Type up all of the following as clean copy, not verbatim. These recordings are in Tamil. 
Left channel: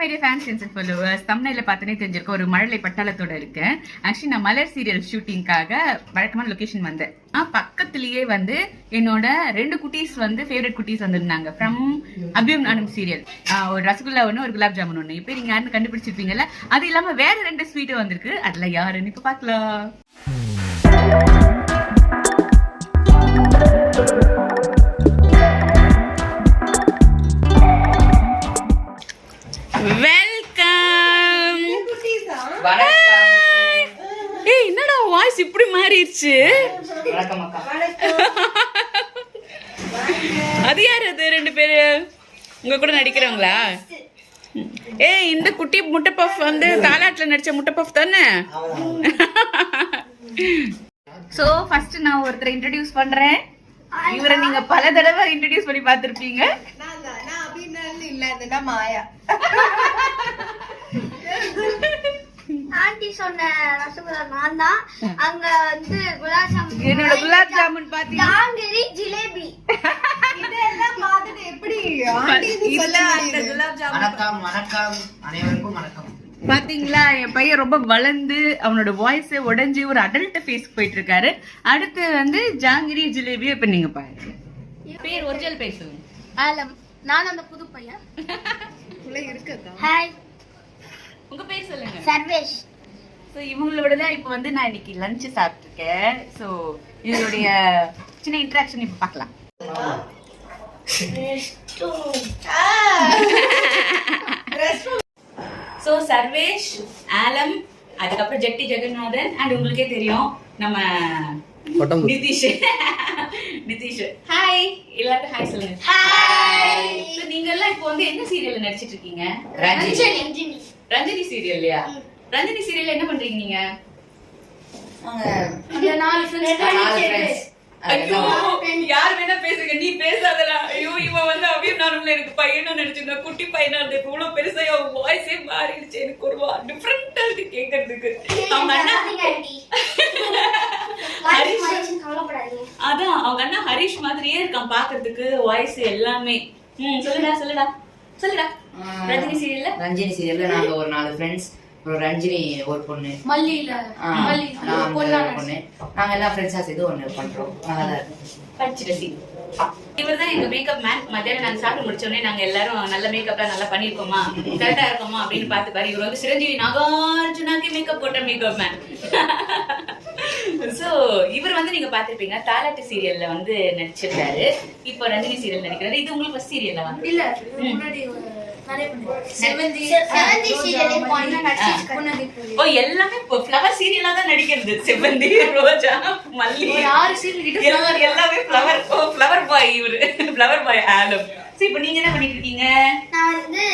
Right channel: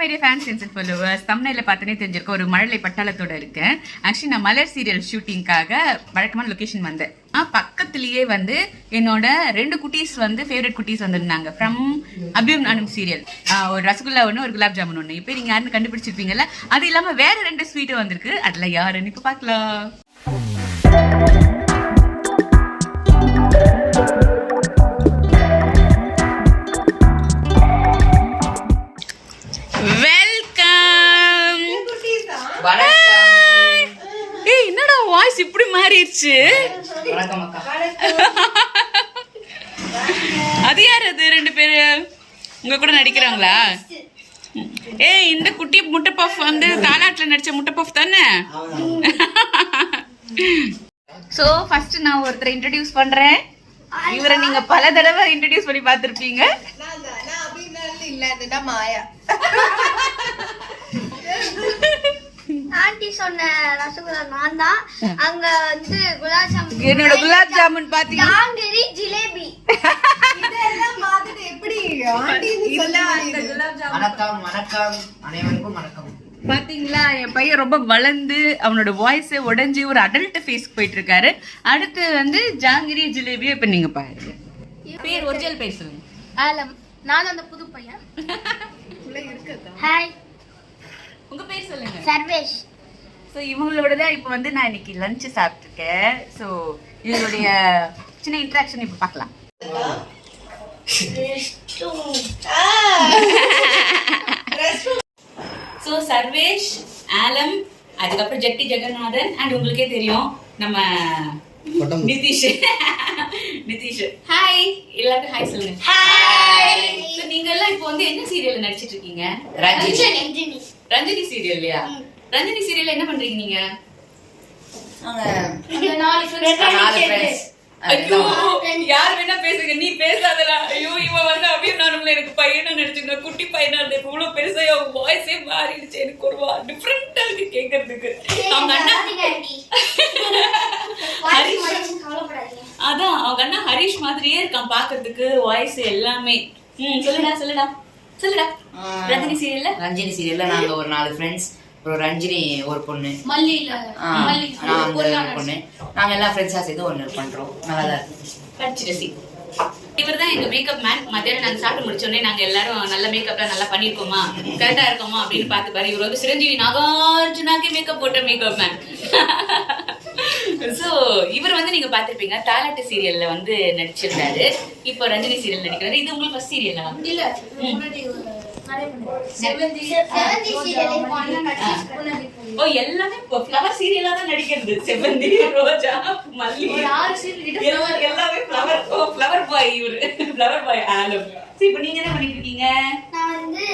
மைடிய ஃபேன்ஸ் அண்ட் ஃபாலோவர்ஸ், தம்ப்நெயில பார்த்தனே தெரிஞ்சிருக்க ஒரு மழலை பட்டாளத்தோட இருக்கேன். ஆக்சுவலி நான் மலர் சீரியல் ஷூட்டிங்காக வழக்கமான லொகேஷன் வந்தேன். பக்கத்துலேயே வந்து என்னோட 2 குட்டீஸ் வந்து ஃபேவரட் குட்டீஸ் வந்திருந்தாங்க ஃப்ரம் அபியும் நானும் சீரியல். ஒரு ரசகுல்லா ஒன்று, ஒரு குலாப் ஜாமுன் ஒன்று. இப்போ நீங்கள் யாருன்னு கண்டுபிடிச்சிருப்பீங்கல்ல. அது இல்லாமல் வேற 2 ஸ்வீட்டு வந்திருக்கு. அதில் யாருன்னு இப்போ பார்க்கலாம். வெல்கம். ஏய், என்னடா வாய்ஸ் இப்படி மாறிடுச்சு? அது யார்? அது 2 பேரு உங்க கூட நடிக்கிறாங்களா? ஏய், இந்த குட்டி முட்டை பஃப் வந்து தாலாட்டில் நடிச்ச முட்டை பஃப் தானே? ஸோ ஃபர்ஸ்ட் நான் ஒருத்தரை இன்ட்ரடியூஸ் பண்றேன். இவரை நீங்க பல தடவை இன்ட்ரடியூஸ் பண்ணி பார்த்துருப்பீங்க. மாயா ஆண்டி சொன்ன ரசகுல்லா நான் தான். அங்க வந்து குலாப் ஜாமுன், என்னோட குலாப் ஜாமுன் பாத்தீங்க, ஜாங்கிரி, ஜிலேபி இதெல்லாம் பார்த்துட்டு எப்படி ஆண்டி நீ சொல்லுங்க. குலாப் ஜாமுன். வணக்கம் வணக்கம் அனைவருக்கும் வணக்கம். பாத்தீங்களா, என் பையன் ரொம்ப வளர்ந்து அவனோட வாய்ஸே உடைஞ்சு ஒரு அடல்ட் ஃபேஸ்க்கு போயிட்டு இருக்காரு. அடுத்து வந்து ஜாங்கிரி ஜிலேபி. இப்ப நீங்க பாருங்க, பேர் ஒரிஜினல் பேர் சொல்லுங்க. ஆலம். நான் அந்த புது பையன். ஹாய். உங்க பேர் சொல்லுங்க. சர்வேஷ். ஸோ இவங்களோட தான் இப்போ வந்து நான் இன்னைக்கு லஞ்சு சாப்பிட்டுருக்கேன். ஸோ இவங்களுடைய சின்ன இன்ட்ராக்ஷன் இப்போ பார்க்கலாம். ஸோ சர்வேஷ், ஆலம், அதுக்கப்புறம் ஜெட்டி ஜெகநாதன் அண்ட் உங்களுக்கே தெரியும் நம்ம நிதிஷ். நிதிஷ் ஹாய். எல்லாருக்கும் ஹாய் சொல்லுங்க. ஹாய். ஸோ நீங்க எல்லாம் இப்போ வந்து என்ன சீரியல்ல நடிச்சிட்டு இருக்கீங்க? ரஞ்சினி சீரியல்லையா? ரஞ்சினி சீரியல்ல என்ன பண்றீங்க நீங்க? ஐயோ, யார் வேணா பேசுங்க, நீ பேசாதடா. ஐயோ, இவன் வந்து அபியும் நானும்ல எனக்கு பையனா நடிச்சிருந்தேன். குட்டி பையனா இருந்த இப்போ இவ்வளவு பெருசா வாய்ஸே மாறிடுச்சு. எனக்கு ஒரு டிஃப்ரெண்டா இருக்கு கேட்கறதுக்கு. அவங்க அண்ணா அதான் அவங்க அண்ணா ஹரிஷ் மாதிரியே இருக்கான் பாக்குறதுக்கு, வாய்ஸ் எல்லாமே. சொல்லுடா சொல்லுடா சொல்லுடா. ரஞ்சினி சீரியல்ல நாங்க ஒரு 4 ஃப்ரெண்ட்ஸ். அப்புறம் ரஞ்சினி ஒரு பொண்ணு, ஒரு பொண்ணு. நாங்க எல்லாம் ஃப்ரெண்ட்ஸா சேர்ந்து ஒண்ணு பண்றோம். நல்லா தான் இருக்கு. இவர் தான் எங்க மேக்கப் மேன். மத்தியானம் நாங்க சாப்பிட்டு முடிச்சோடனே நாங்க எல்லாரும் நல்ல மேக்கப்லாம் நல்லா பண்ணிருக்கோமா, கரெக்டா இருக்கோமா அப்படின்னு பார்த்து பாரு. இவர் வந்து சிரஞ்சீவி நாகார்ஜுனாக்கே மேக்கப் போட்ட மேக்கப் மேன். ஸோ இவர் வந்து நீங்க பாத்திருப்பீங்க, தாலாட்டு சீரியல்ல வந்து நடிச்சிருந்தாரு. இப்போ ரஞ்சினி சீரியல் நடிக்கிறாரு. இது உங்களுக்கு ஃபர்ஸ்ட் சீரியல்ல வந்து இல்ல, ஓ எல்லாமே ஃப்ளவர் சீரியலா தான் நடிக்கிறது. செவந்தி, ரோஜா, மல்லி, எல்லாமே ஃப்ளவர். ஓ ஃப்ளவர் பாய் இவரு, ஃப்ளவர் பாய் ஆலம். சோ இப்போ நீங்க என்ன பண்ணிட்டு இருக்கீங்க? நான் வந்து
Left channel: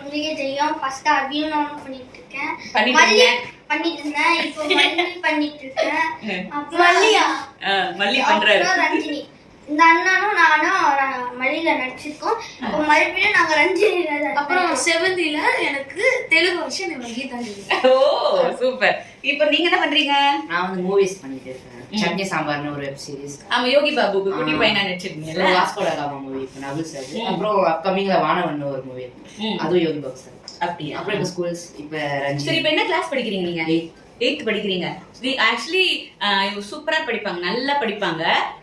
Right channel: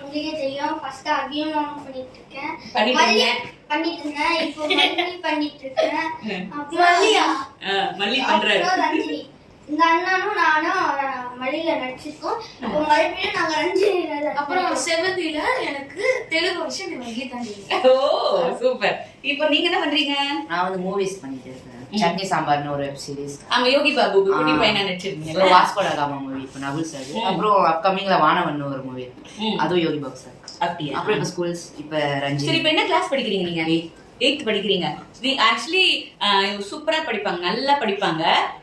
உங்களுக்கு தெரியும், ஃபர்ஸ்ட் அபியும் நானும் பண்ணிட்டு இருக்கேன். பண்ணிட்டு இருந்தேன். இப்போ மல்லி பண்ணிட்டு இருக்கேன். மல்லி பண்றாரு. ரஞ்சினி, இந்த அண்ணனும் நானும் மல்லியில நடிச்சிருக்கோம். இப்போ மறுபடியும் நாங்க ரஞ்சினில, அப்புறம் செவந்தில எனக்கு தெலுங்கு வருஷம் கீதா. ஓ சூப்பர். இப்போ நீங்க என்ன பண்றீங்க? நான் வந்து மூவிஸ் பண்ணிட்டு இருக்கேன். சட்னி சாம்பார்னு ஒரு வெப் சீரிஸ். ஆமா, யோகி பாபு குட்டி பையனா நடிச்சிருக்கீங்கல்ல. வாஸ்கோ ட காமா மூவி இப்போ நகுல் சார். அப்புறம் அப்கமிங்ல வானவன் ஒரு மூவி, அதுவும் யோகி பாபு சார். அப்படியே. அப்புறம் இப்போ ஸ்கூல்ஸ். இப்போ ரஞ்சினி. சரி, இப்போ என்ன கிளாஸ் படிக்கிறீங்க நீங்க? 8th படிக்கிறீங்க. ஆக்சுவலி சூப்பரா படிப்பாங்க, நல்லா படிப்பாங்க.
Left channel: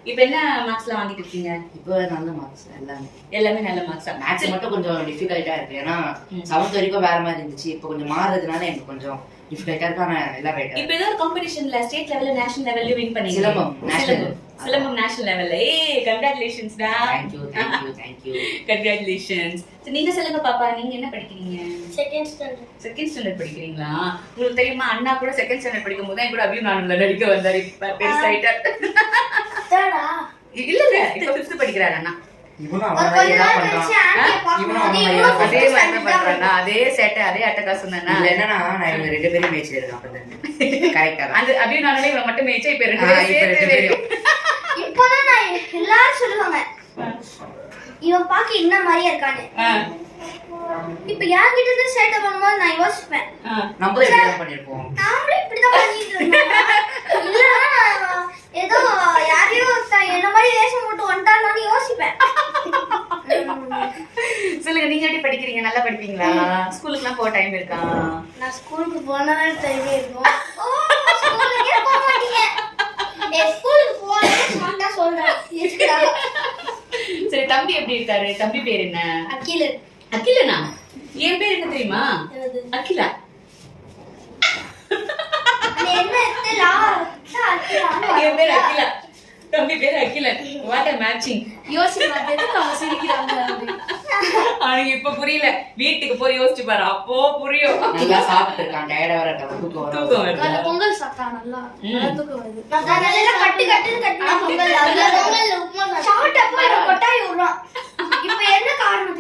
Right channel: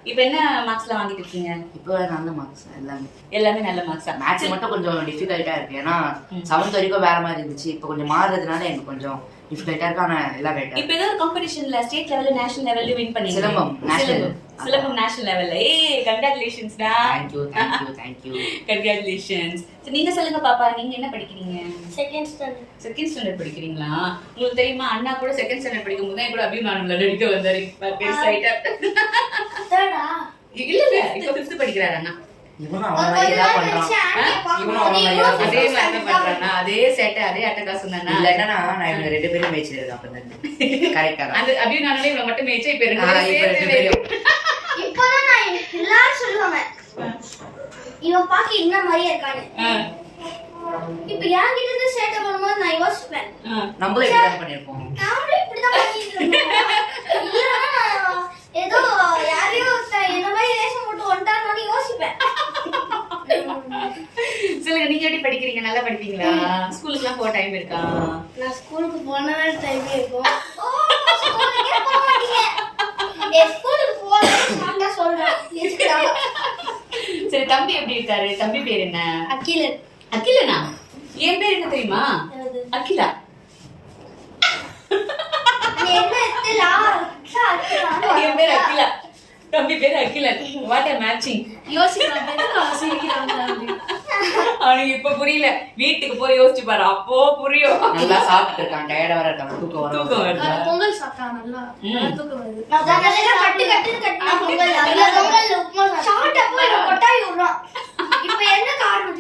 இப்போ என்ன மார்க்ஸ்லாம் வாங்கிட்டு இருக்கீங்க? இப்போ நல்ல மார்க்ஸ். எல்லாமே நல்ல மார்க்ஸா? மேத்ஸ் மட்டும் கொஞ்சம் டிஃபிகல்ட்டா இருக்கு. ஏன்னா 7th வரைக்கும் வேற மாதிரி இருந்துச்சு. இப்போ கொஞ்சம் மாறுறதுனால எனக்கு கொஞ்சம் டிஃபிகல்ட்டா இருக்கு. ஆனா எல்லாம் ரைட்டா. இப்போ ஏதோ ஒரு காம்படிஷன்ல ஸ்டேட் லெவல்ல நேஷனல் லெவல்ல வின் பண்ணீங்க. சிலம்பம் நேஷனல் லெவல்ல. கங்க்ராச்சுலேஷன்ஸ் டா. Thank you. கங்க்ராச்சுலேஷன்ஸ். சோ நீங்க சொல்லுங்க பாப்பா, நீங்க என்ன படிக்கிறீங்க? செகண்ட் ஸ்டாண்டர்ட் படிக்கிறீங்களா? உங்களுக்கு தெரியுமா, அண்ணா கூட செகண்ட் ஸ்டாண்டர்ட் படிக்கும்போது தான் கூட அபியும் நானும்ல நடிக்க வந்தாரு. பெருசாயிட்டார். தேர்டா? இல்ல இப்போ 5th படிக்கிறாரு அண்ணா. இவனும் அவன் மாதிரி தான் பண்றான். அதே மாதிரி தான் பண்றானா? அதே சேட்டை, அதே அட்டகாசம் தானா? இல்ல என்னன்னா, நான் இவங்க 2 பேரும் மேய்ச்சி இருக்கேன். அப்பதான் கரெக்டா அந்த அபியும் நானும் இவங்க மட்டும் மேய்ச்சா இப்ப 2 பேரும். இப்போதான் நான் எல்லாரும் சொல்லுவாங்க, இவன் பாக்க என்ன மாதிரியே இருக்கானு. இப்ப என்கிட்ட இருந்து சேட்டை பண்ணும்போது நான் யோசிப்பேன், நம்மளும் இப்படிதான் பண்ணிருப்போம். நாமளும் இப்படிதான் பண்ணிட்டு இருக்கோம். இல்லன்னா ஏதோ யாரையோ என்ன மாதிரி வேஷம் போட்டு வந்துட்டாங்கன்னு யோசிப்பேன். சொல்லுங்க, நீங்க எப்படி படிக்கிறீங்க? நல்லா படிப்பீங்களா? ஸ்கூலுக்குலாம் போக டைம் இருக்கா? நான் ஸ்கூலுக்கு போனதான் டைமே இருக்கும். ஓ, ஸ்கூலுக்கே போக மாட்டீங்க. ஸ்கூலுக்கு போறேன்னு சொல்றேன். சரி, தம்பி எப்படி இருக்காரு? தம்பி பேர் என்ன? அகிலன். அகிலனா? என் பேர் என்ன தெரியுமா? அகிலா. என் பேர் அகிலா, தம்பி பேர் அகிலன். What a matching. அவனுக்கு இப்ப புரியல, வீட்டுக்கு போய் யோசிச்சு பாரு, அப்போ புரியும். நல்லா சாப்பிட்டு இருக்கான், டயர்டா வர இருக்கான், தூக்கம் வருது. பொங்கல் சாப்பிட்டா நல்லா தூக்கம் வருது. கட்டு கட்டுன்னு கட்டினா பொங்கல், அதுல பொங்கல்ல உப்புமா சாப்பிட்டா போய் கொட்டாய் விடுறான். இப்போ என்ன காரணம்?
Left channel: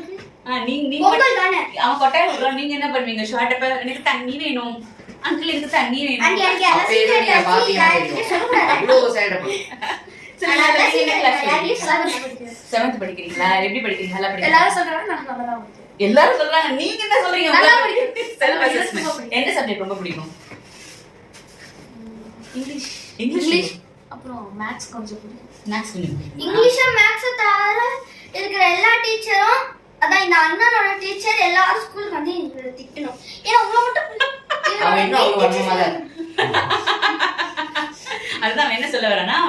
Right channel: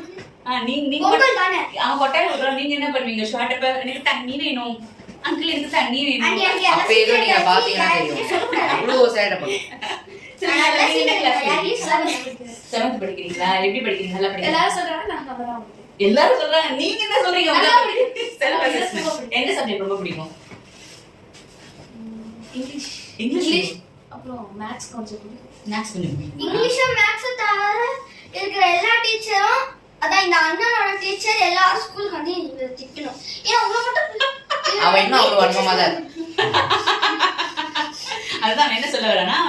நீங்க பொங்கல் தானே. அவன் கொட்டாய் விடுறான், நீங்க என்ன பண்ணுவீங்க? ஷார்ட் அப்ப எனக்கு தண்ணி வேணும் அங்கிள், எனக்கு தண்ணி வேணும். அப்ப ஏதோ நீங்க பாத்தீங்கன்னா தெரியும் அவ்வளவு சைடு சரி, நீங்க என்ன கிளாஸ்? 7th படிக்கிறீங்களா? எப்படி படிக்கிறீங்க? நல்லா படிக்கிறீங்க? எல்லாரும் சொல்றாங்க நான் நல்லா தான் படிக்கிறேன். எல்லாரும் சொல்றாங்க, நீங்க என்ன சொல்றீங்க? நல்லா செல்ஃப் அசஸ்மென்ட். எந்த சப்ஜெக்ட் ரொம்ப பிடிக்கும்? இங்கிலீஷ். அப்புறம் மேத்ஸ் கொஞ்சம் பிடிக்கும். மேத்ஸ் கொஞ்சம் பிடிக்கும். இங்கிலீஷ் மேத்ஸ் தவிர இருக்கிற எல்லா டீச்சரும், அதான் இந்த அண்ணனோட டீச்சர் எல்லாரும் ஸ்கூலுக்கு வந்து திட்டணும். ஏன்னா உங்களை மட்டும் அவன் இன்னும் அவ்வளவு வன்மமா தான் அதுதான் அவன் என்ன சொல்ல வரானா,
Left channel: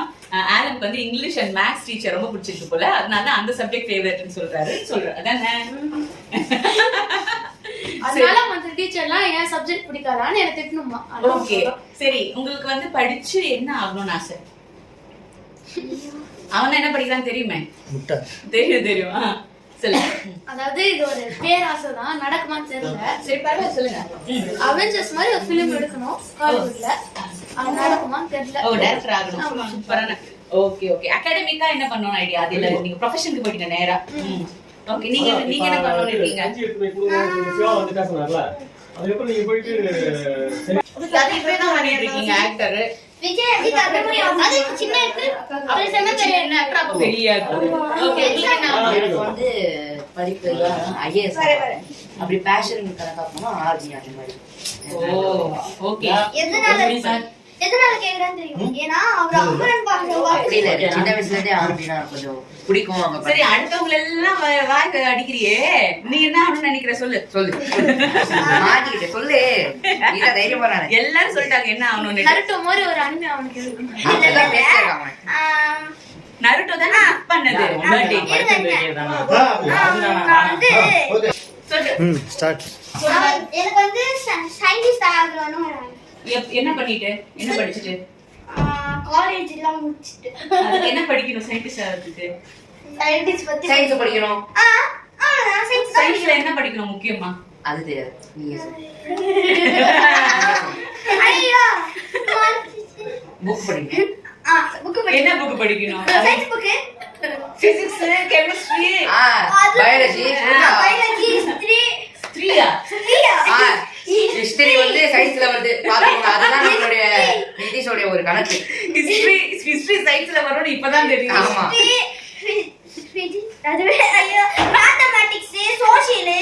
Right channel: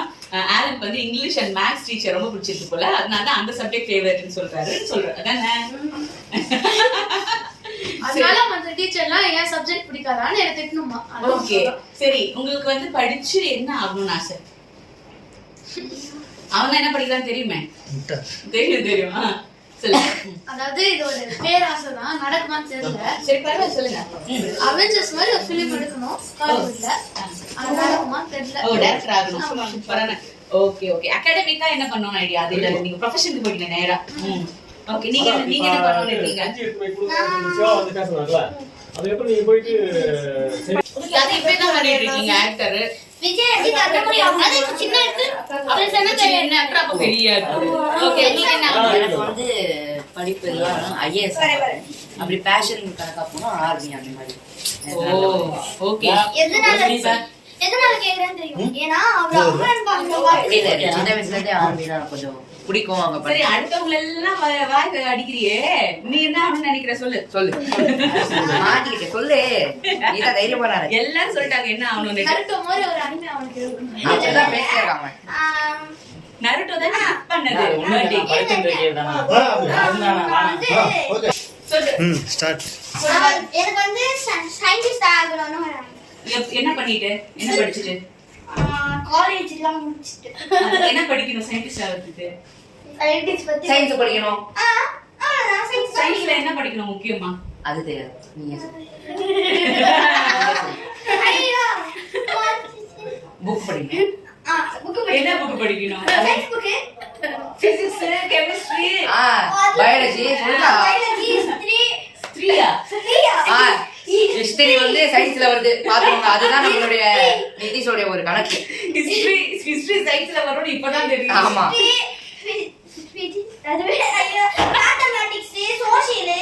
ஆலனுக்கு வந்து இங்கிலீஷ் அண்ட் மேத்ஸ் டீச்சர் ரொம்ப பிடிச்சிருக்கு போல, அதனால தான் அந்த சப்ஜெக்ட் ஃபேவரட்னு சொல்றாரு. அதானே? அதனால மத்த டீச்சர்லாம் ஏன் சப்ஜெக்ட் பிடிக்காதான்னு எனக்கு திட்டணுமா? ஓகே, சரி. உங்களுக்கு வந்து படிச்சு என்ன ஆகணும்னு ஆசை? அவன் என்ன படிக்கிறான்னு தெரியுமே? தெரியும். அதாவது இது ஒரு பேராசை தான், நடக்குமான்னு தெரியல. சரி, பரவாயில்ல, சொல்லுங்க. அவெஞ்சர்ஸ் மாதிரி ஒரு ஃபிலிம் எடுக்கணும் ஹாலிவுட்ல. அது நடக்குமான்னு தெரியல. ஓ, டைரக்டர் ஆகணும். சூப்பரான. ஓகே. அகாடமிக்கா என்ன பண்ணனும் ஐடியா? அது இல்ல, நீங்க ப்ரொஃபஷனுக்கு போயிட்டீங்க நேரா. ஓகே, நீங்க என்ன பண்ணனும்னு இருக்கீங்க? அதுக்கப்புறம் நீங்க போயிட்டு அது இப்பவே தான் பண்ணிட்டு இருக்கீங்க ஆக்டர். விஜய் எப்படி அந்த மாதிரி அது சின்ன இருக்கு, அவர் சொன்ன என்ன ஆக்டர் அப்ப பெரிய ஆக்டர். ஓகே, நீங்க என்ன எனக்கு வந்து படிப்பு எல்லாம் ஐஏஎஸ் அப்படி பேஷன் கணக்கா போனா ஆர்மி அந்த மாதிரி. ஓகே. எதனால கேக்குறேன்னு தெரியும். ஏன்னா அவர் அமரன் அப்படி இல்ல, சின்ன வயசுல இருந்தே ஆர்மினா கொஞ்சம் பிடிக்கும். அங்க சரி, அடுத்தவங்க எல்லாம் வாய் அடிக்கிறியே, நீ என்ன ஆகணும்னு நினைக்கிற? சொல்லு. மாட்டிக்கிட்டே சொல்லு, நீங்க தைரியமா இரு. எல்லாரும் சொல்லிட்டாங்க என்ன ஆகணும்னு. நருட்டோ மாதிரி ஒரு அனிமே அவனுக்கு அதெல்லாம் பேசிறாங்க. நருட்டோ தானே கிளிக் பண்ணது பர்த்டே. நான் வந்து ஸ்டார்ட். எனக்கு வந்து சயின்டிஸ்ட் ஆகணும்னு என்ன பண்ணிட்டு, என்ன படிச்சிட்டு? காலேஜ் எல்லாம் முடிச்சிட்டு. அதுக்கு என்ன படிக்கணும் சயின்டிஸ்ட் ஆகிறதுக்கு? சயின்டிஸ்ட் பத்தி சயின்ஸ் படிக்கணும். அவ்வளவுதான். சயின்ஸ்ல என்ன படிக்கணும் முக்கியமா? அது தெரியாது, நீங்க சொல்லு. ஐயோ, புக் படிங்க. புக் என்ன புக் படிக்கணும்? Science book, physics, chemistry, biology, biology, history வந்து சயின்ஸ்ல வருது பாத்துக்கோங்க. அதுதான் நம்மளுடைய நிதிஷோட ஒரு கணக்கு. ஹிஸ்டரி சயின்ஸ்ல வரும்னு இப்பதான் தெரியும். ஆமா, அதுவே ஐயோ, மேத்தமேட்டிக்ஸ், சோஷியல்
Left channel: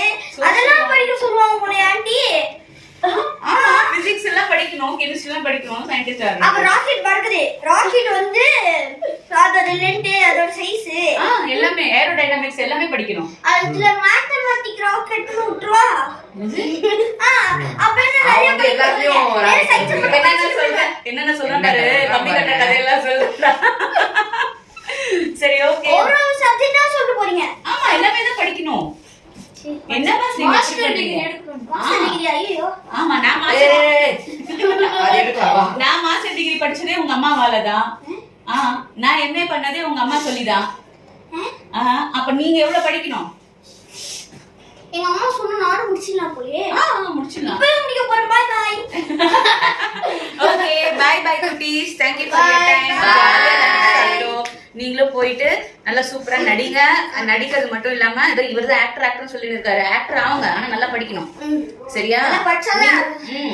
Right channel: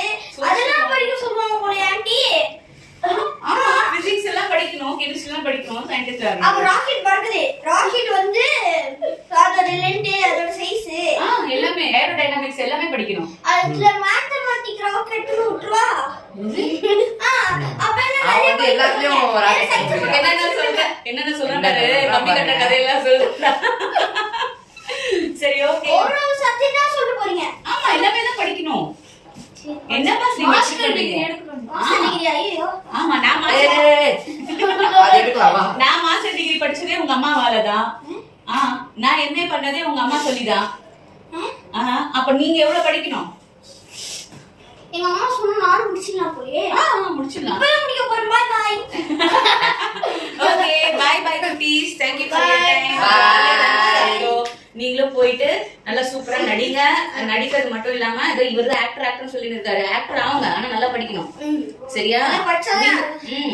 அதெல்லாம் படிக்க சொல்லுவாங்க போல ஆண்டி. ஆமா, பிசிக்ஸ் எல்லாம் படிக்கணும், கெமிஸ்ட்ரி எல்லாம் படிக்கணும், சயின்டிஸ்ட் அப்ப ஆகணும். ராக்கெட் பறக்குது. ராக்கெட் வந்து அதோட லென்த், அதோட சைஸ் எல்லாமே ஏரோடைனமிக்ஸ் எல்லாமே படிக்கணும். அதுல மேத்தமேட்டிக் ராக்கெட் விட்டுருவா. அப்ப என்ன அவன் நிறைய வந்து எல்லாத்துலயும் ஒரு ஆள் என்னென்ன சொல்றேன் பாரு, கம்மி கட்டுற கதையெல்லாம் சொல்றா. சரி, ஓகே. ஒரு சப்ஜெக்ட்டா சொல்ல போறீங்க. ஆமா, எல்லாமே தான் படிக்கணும். என்ன பாஸ் நீங்க மாஸ்டர் டிகிரி எடுக்கணும்? மாஸ்டர் டிகிரி ஐயோ. ஆமா, நான் மாஸ்டர் டிகிரி படிச்சதே உங்க அம்மாவால தான். நான் எம்ஏ பண்ணதே உங்க அம்மா சொல்லிதான். அப்ப நீங்க எவ்வளவு படிக்கணும்? எங்க அம்மா சொன்னா நானும் முடிச்சிடலாம் போலயே. முடிச்சிடலாம். இப்பவே முடிக்க போறேன். Bye bye. ஓகே, பை குட்டீஸ். Thank you for your time. நீங்களும் போயிட்டு நல்லா சூப்பரா நடிங்க. நடிக்கிறது மட்டும் இல்லாம ஏதோ இவர்தான் ஆக்டர் சொல்லி இருக்காரு. ஆக்டர் ஆகுங்க, ஆனா நல்லா படிக்கணும். சரியா? படிச்சாதான்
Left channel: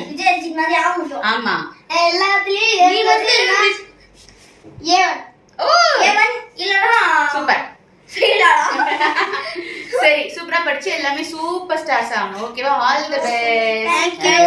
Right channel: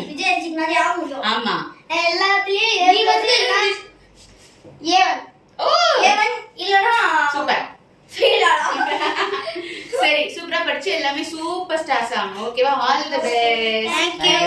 விஜய் மாதிரி ஆக முடியும். ஆமா, எல்லாத்துலயும் நீ வந்து ஏவன். ஏவன் இல்லனா சூப்பர். சரி, சூப்பரா படிச்சு எல்லாமே சூப்பர் ஸ்டார்ஸ் ஆகணும். ஓகேவா? All the best. Thank you.